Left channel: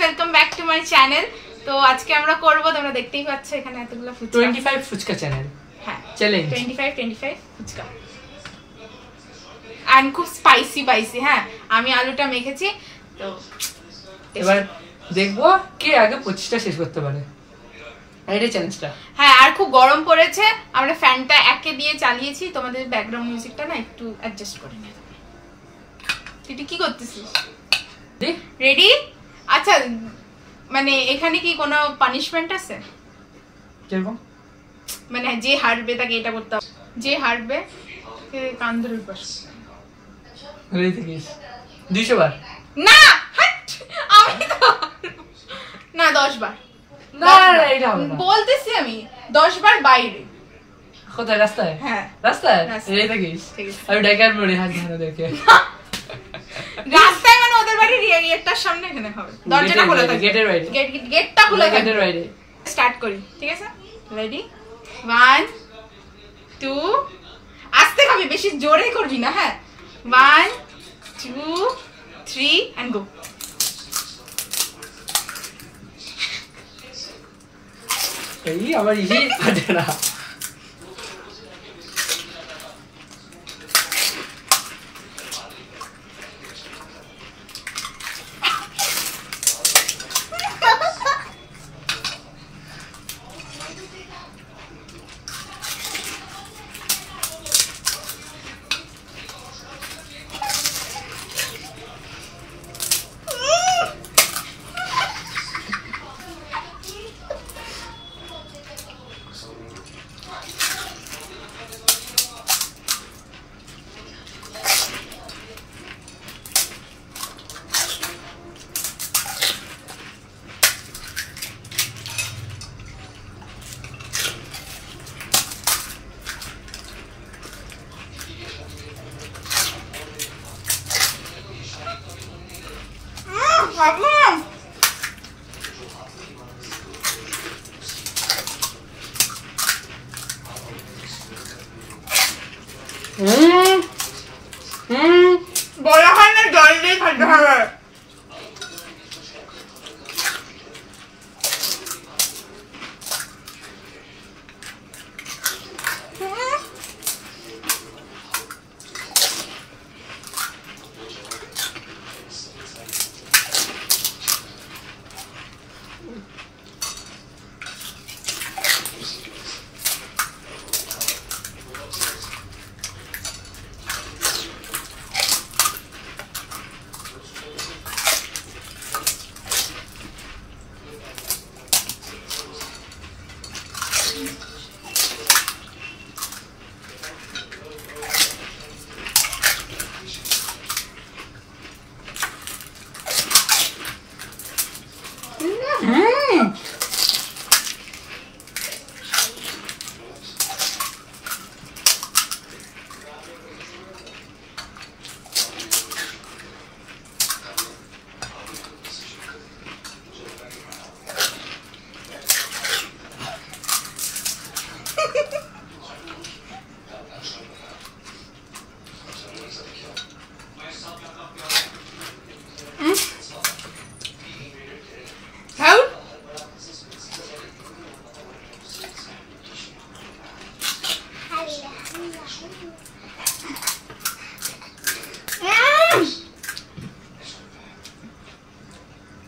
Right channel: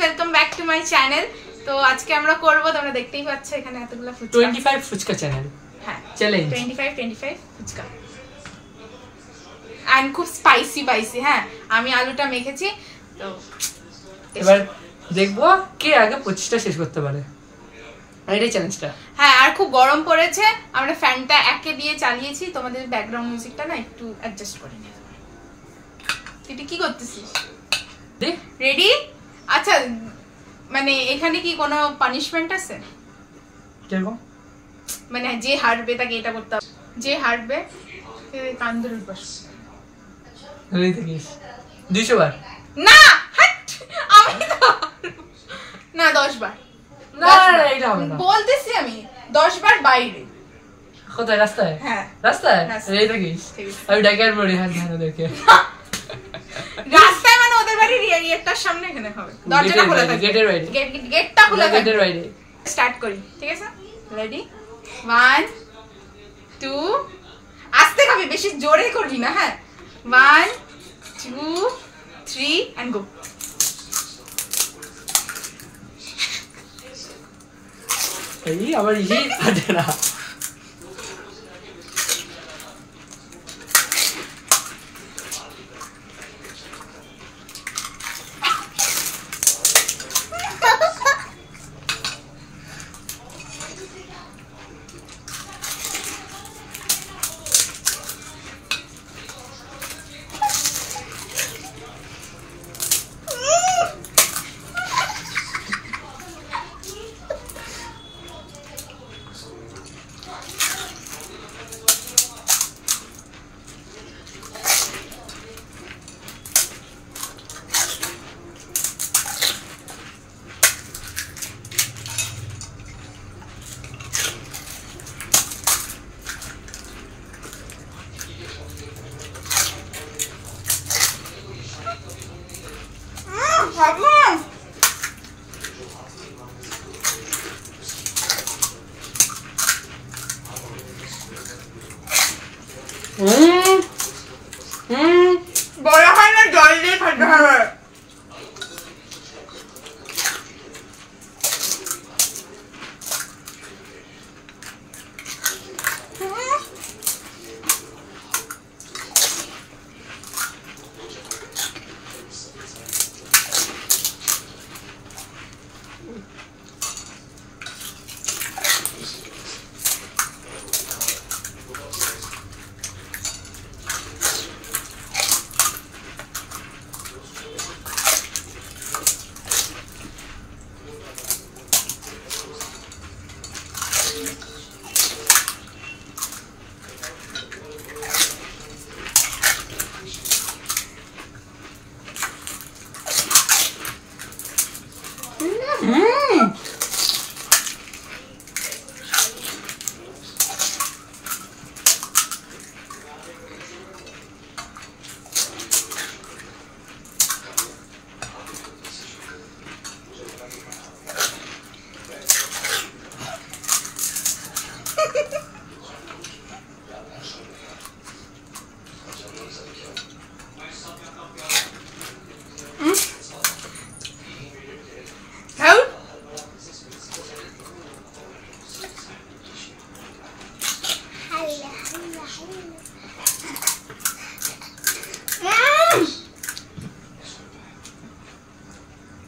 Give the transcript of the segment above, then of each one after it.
Welcome back to my channel. তো আজকে আমরা করব, তোমরা দেখতেই পাচ্ছ এখানে এতগুলো ফুচকা। 25 ফুচকা চ্যানেল। হ্যাঁ, চ্যালেঞ্জ 25 ফুচকা। আর খুব স্পাইসি। হ্যাঁ, আমি আলুটা মেখেছি। তো এবার দেখবো কে আগে 25টা শেষ করতে পারে। এটাই চ্যালেঞ্জটা। হ্যাঁ, আর খুব গরম পড়েছে, আমরা ফ্যানটা একে দিয়ে চালিয়েছি। তোমাদের ব্যাকগ্রাউন্ড মিউজিকটা না একটু অ্যাডজাস্ট করে নিও। তুই কি করতেছিস? রেডি? আচ্ছা, মানে এখানে কি কোনো পানিশমেন্ট আছে? কিরকম? মানে যে হারবে তাকে এটা করতে হবে, যে হারবে কান ধরে বস। রেডি থাকিস? 200 বার না, আমি তো না 10 বার। না এটা হবে না, বলতেছি আমি 10 বার বাইরে। কোথায়? রাস্তায়? হ্যাঁ রাস্তায়। রেডি থাকিস? আমি ডাকার পড়ি হাত ধরে দেখে। রাস্তায় মানে ওদের বাড়ির এরিয়াটার সামনে এখানে হবে। দরজাটা খোলা থাকে, গেটের বাইরে। গেটটা খোলা থাকে, গেটের বাইরে। স্টার্ট করি, ঠিক আছে? রেডি? 1 2 আস্তে খাবি, বেশি জোরে করবি না। হ্যাঁ, 1 2 3 এন্ড গো। এই আবার ইজি আছে না। বলা হয় না জল দিয়ে খাইতে হবে।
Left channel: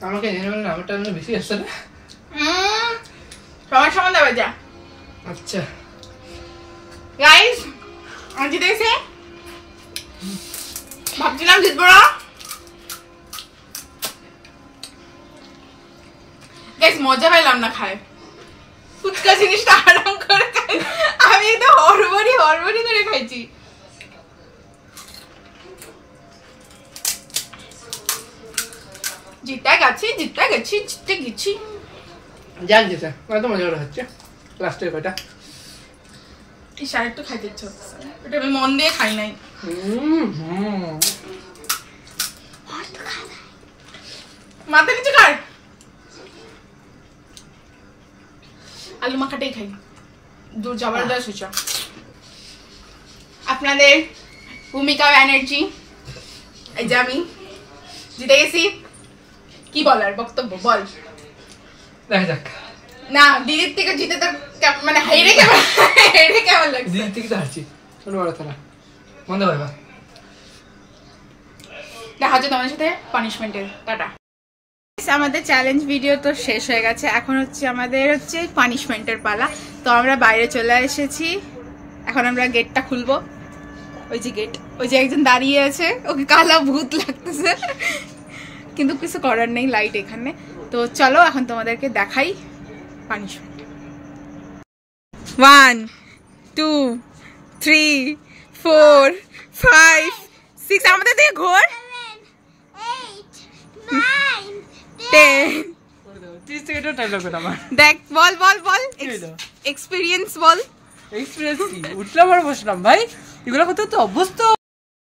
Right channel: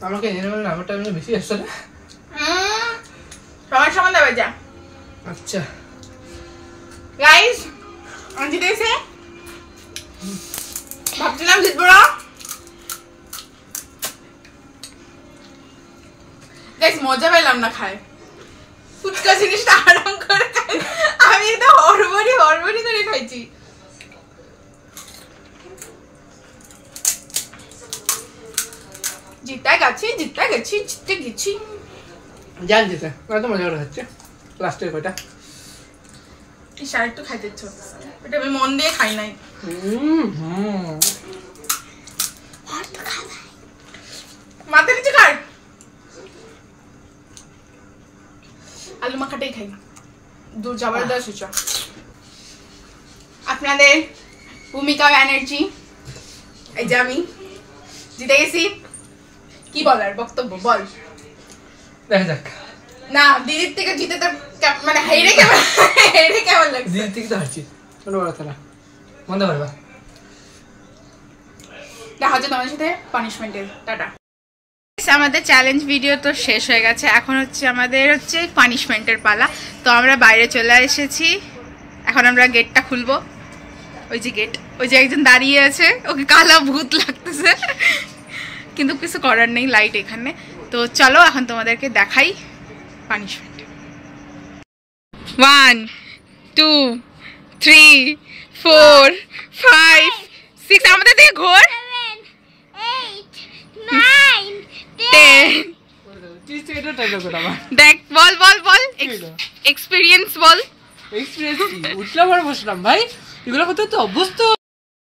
আমাকে আমারটা বেশি আসছে না। সবার সমান দেবে যা। আচ্ছা গাইস, আমি জিতে গেছি। ভাবছিলাম জিতবো না। গাইস, মজা পাইলাম না খায়। ফুচকা জিনিসটা আরাম করে খাই, আমি তো হড়বড়ি করে খাইছি। জিতে গেছি। জান যেটা এত মজা করে হচ্ছে লাস্টের কয়টা। এই শাড়ি একটু খাইতে ইচ্ছে হচ্ছে, ওটা আমি মন দিয়ে খাই নাই। মাথা নিচে খাই, আলু মাখাটাই খাই। দূর যাবার দা সুচা। আপনাদের ভূমিকা ব্যানার্জি, এই যে আমি জিতে গেছি। কি বলার বক্তব্য বল। দেখা যাক। না দিদির থেকে জিতে তো মানে হেরে কেমন লাগছে? দিদির থেকে তো হারছি, কোনো বড় কথা না। বন্ধ করবা। দেখা হচ্ছে তোমাদের সাথে পানিশমেন্টের। টাটা। আমাদের চ্যালেঞ্জ ভিডিও তো শেষ হয়ে গেছে, এখন আমাদের পানিশমেন্টের পালা। তো আমরা বাইরে চলে এসেছি, এখন আমরা গেটটা খুলবো। ওই যে গেট, ওই যে একজন দাঁড়িয়ে আছে, ওকে কালা ভূত লাগতেছে, কিন্তু কিছু করার নেই, লাইট এখানে। তো চলো এখন তোমাদেরকে দেখাই পানিশমেন্ট। 1 2 3 4 5 6 আমাদের দিকে ঘোর। 10 দেখ, বল বল বল এক্সপেরিয়েন্স বল। উঠলাম আর বসলাম ভাই, এগুলো করতে তো অভ্যস্ত।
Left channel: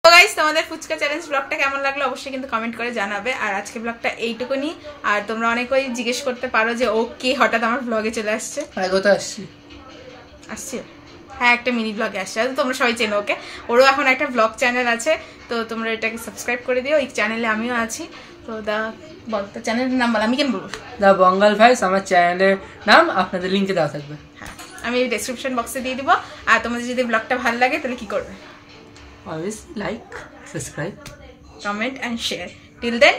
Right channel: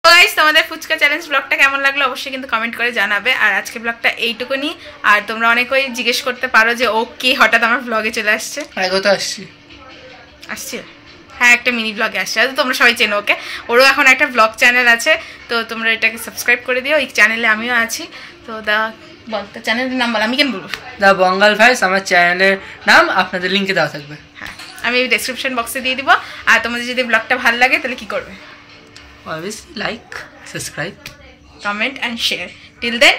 গাইস তোমাদের ফুচকা চ্যালেঞ্জ ব্লগটা কেমন লাগলো অবশ্যই কিন্তু কমেন্ট করে জানাবে। আর আজকে ব্লগটা এইটুকুনি। আর তোমরা অনেকেই জিজ্ঞেস করতে পারো যে ও কে হঠাৎ আমার ব্লগে চলে আসছে। আসছে, হ্যাঁ একটা মিনি ব্লগে আসছে, তোমরা সবাই চেনো ওকে। ওরও এখন একটা ব্লগ চ্যানেল আছে, তো তোমরা এটাকে সাবস্ক্রাইব করে দিও। এই চ্যানেলে আমিও আছি। তো বল তো চ্যানেলের নাম বল, আমি কেন বলবো? দা বঙ্গাল ভাইস আমার চ্যানেলের নাম, আপনাদের লিঙ্কে দেওয়া থাকবে। হ্যাঁ আমি ডেসক্রিপশন বক্সে দিয়ে দিব। আর তোমাদের যদি ব্লগটা ভালো লাগে তাহলে কি করবে? Always like, subscribe, comment and share. Till then